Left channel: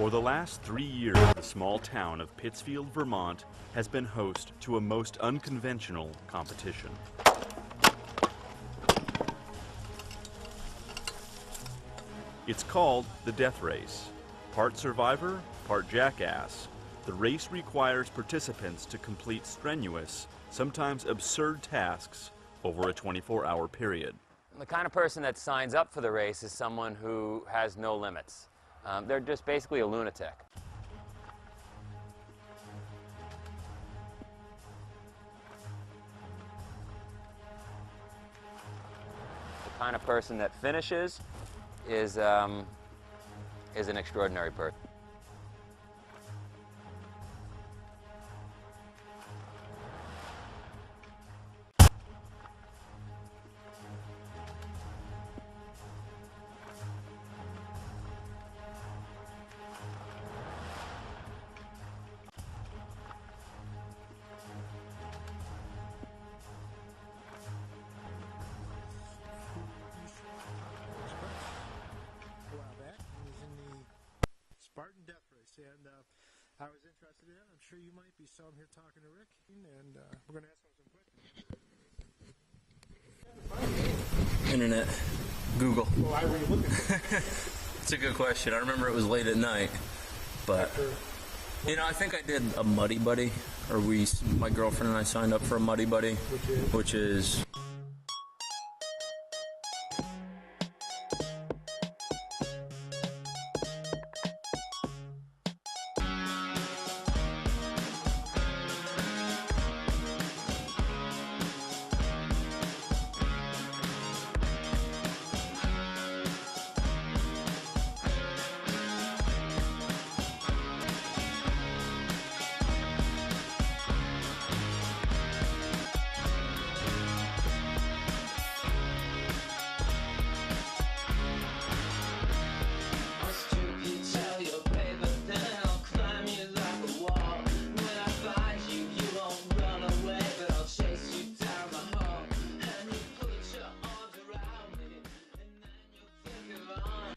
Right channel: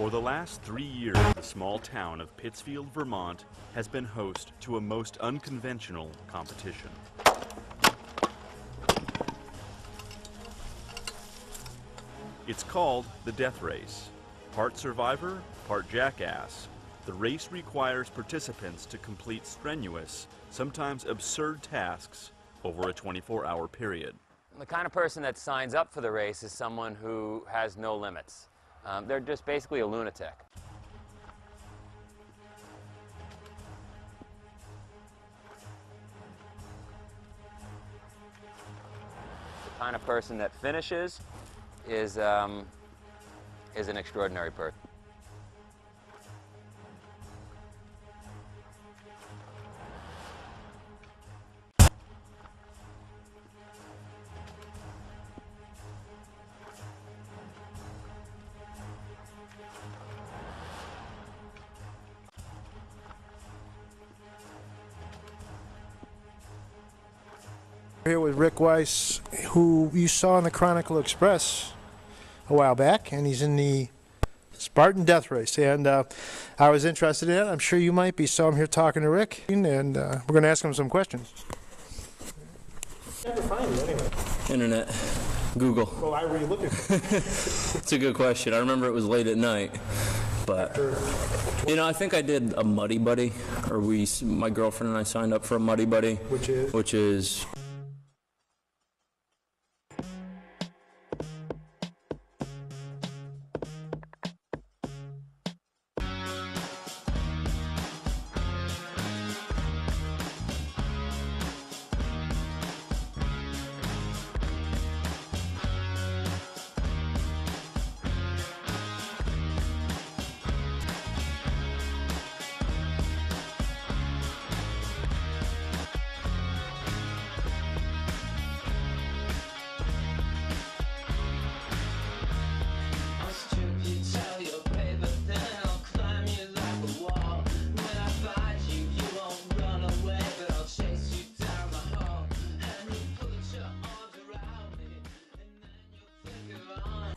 For the last 3 years, the small town of Pittsfield, Vermont, has been host to a most unconventional competition. It's called the Death Race. Part survivor, part jackass, the race requires participants to complete strenuous, sometimes absurd tasks over a 24-hour period. The kind of person that signs up for the race is someone who has no limits. They're just basically a lunatic. The kind of person that finishes is an extraordinary person. Here with Rick Weiss, who you saw in the Chronicle Express a while back, and he's in the Spartan Death Race, and I was interested in it. I'm sure you might be, so I'm here talking to Rick, and we're going to ask him some questions. Internet. Google. It's a good question. I remember it was late at night. But, you know, I think I did a Muddy Buddy, or my girlfriend and I signed up for a Muddy Buddy, which is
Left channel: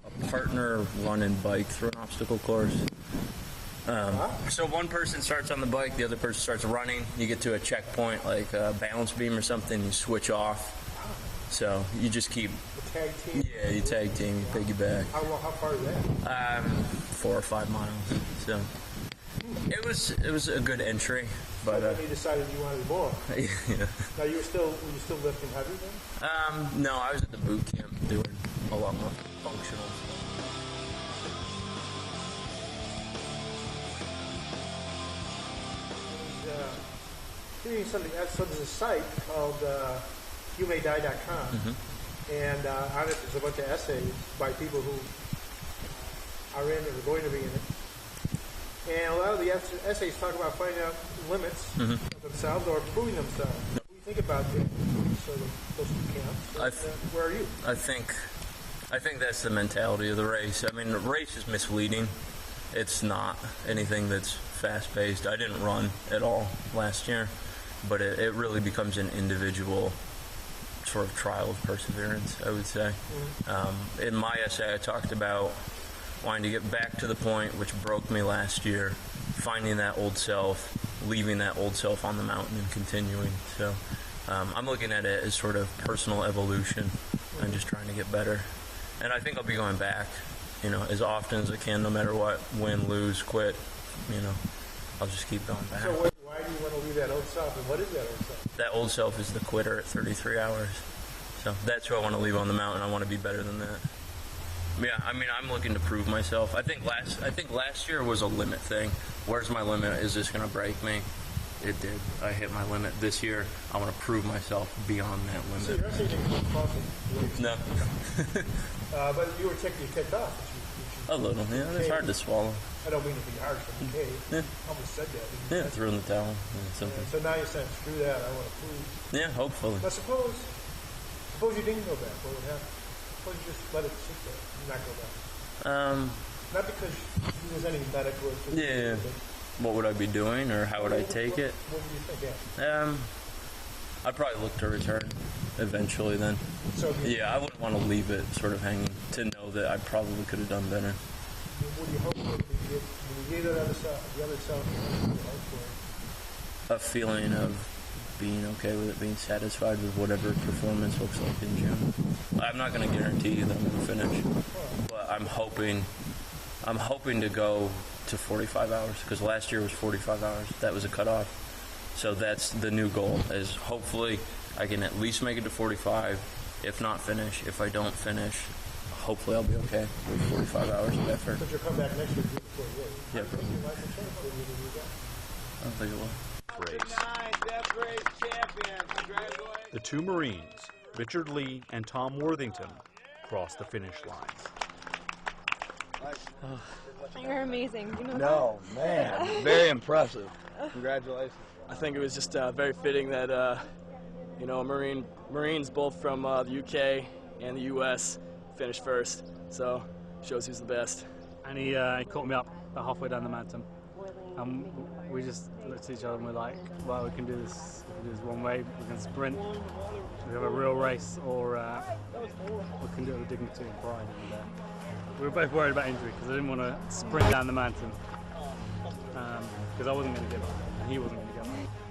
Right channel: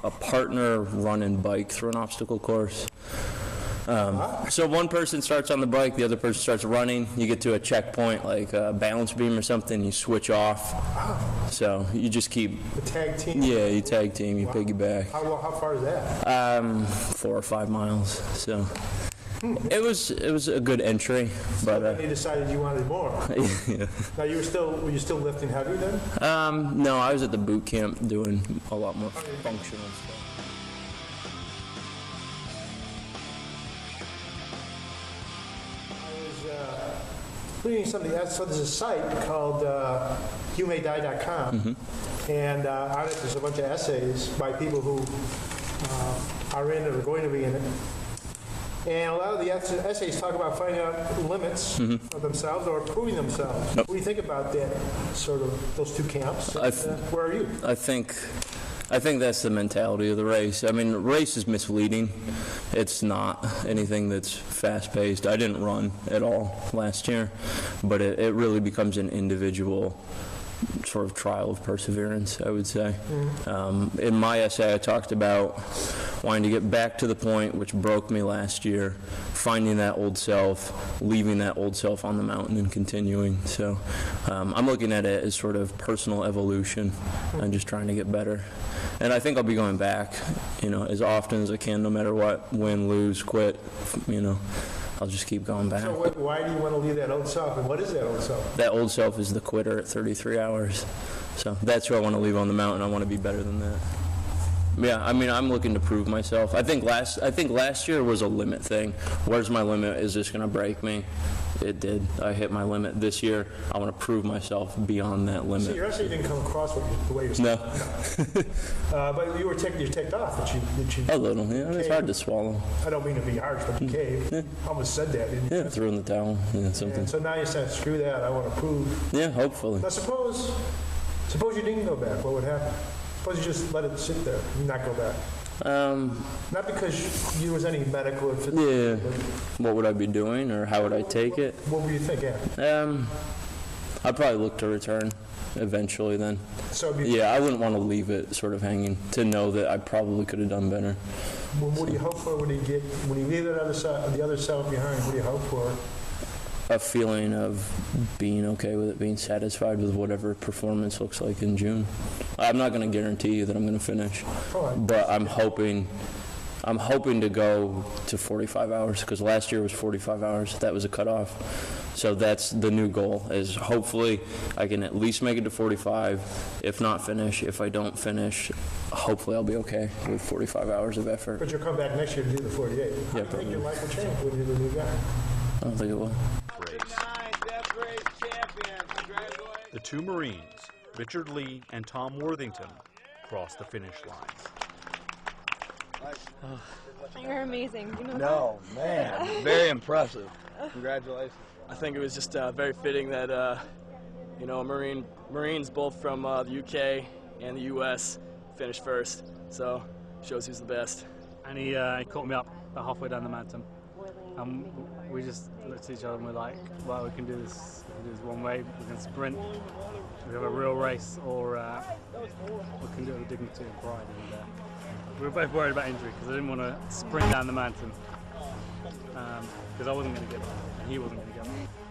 a partner run and bike through an obstacle course. So one person starts on the bike, the other person starts running. You get to a checkpoint, like a balance beam or something, you switch off. So you just keep... Tag team? Yeah, you tag team, you piggyback. How far is that? 4 or 5 miles. So it was a good entry, but You decided you wanted more. Were you still lifting heavy then? no, I was at the boot camp doing a lot more functional. Reading some of the there's a site called humayguy.com, and on it there's a bunch of essays by people who are in it or going to be in it. And a lot of the essays talk about finding out limits of themselves or improving themselves. What do you think about that, sort of those two camps? Where are you? I think that's the mentality of the race. I mean, the race is misleading. It's not anything that's fast-paced. I didn't run at all last year, but it really becomes an individual sort of trial of perseverance, I would say. In my essay, I talked about wanting to get back to the point which broke me last year, finding that old self, leaving that old self on the mountain and continuing. So I'm looking at it as sort of personal evolution and just trying to get better. And I think I'll be going back, as often as I can, no matter what, win, lose, quit, I'll just keep going back. Why do you want to leave that old self, and what is that old self? That old self is the quitter at 33 hours. So that's who I want to leave on the mountain. I want to be better than that. Yeah, I mean, I'm looking to prove myself. I think last year was a limit thing. Where's my limit? Is this going to break me? It did. I hit my limit this year. I want to prove myself beyond that limit. You actually didn't come across with the way you're No. But you were taking your tape off, which you A little, man. It was hard to swallow. I don't mean to be harsh, but you did. Almost said that, didn't you? Yeah, threw in the towel. Something. So now you said, screw that, I want to prove. Yeah, hopefully. Now suppose you didn't go back, what would happen? Suppose you just let it sit there and not go back. Not because you was any medical or physical. Yeah. What would I be doing, or how would I take it? What would you think? Yeah. I'd probably look to return eventually then. So Yeah, I wouldn't want to leave it sort of hanging to know that I probably could have done better. what do you hope for when you leave the other side behind? What do you hope for? A feeling of being okay with it, being satisfied with whatever performance looks like in June. I'm not going to guarantee you that I'm going to finish, but I'm hoping to go to 45 hours because last year was 45 hours. That was a cutoff. So that's the new goal, is hopefully I can at least make it to 45, if not finish. If I don't finish, hopefully I'll be okay with 45 hours of effort. But you'll come back next year to do the 48. Yeah, I think your life will change when you do that. I don't think it will. Death Race champion. Congratulations. The two Marines, Richard Lee and Tom Worthington, crossed the finish line. You're amazing. You know No, man. Very impressive. Congratulations. I think it was just very fitting that, you know, Marines both from the UK and the US finished first. So, shows who's the best. And he caught me up about halfway down the mountain. And we just looked at each other and we're like, well, we can do this one way, we can sprint, we have a real race, or we can do it with dignity and pride. And we were both worried about injury because I didn't want to sprint down the mountain because I wasn't going to give up and he wasn't going to give up.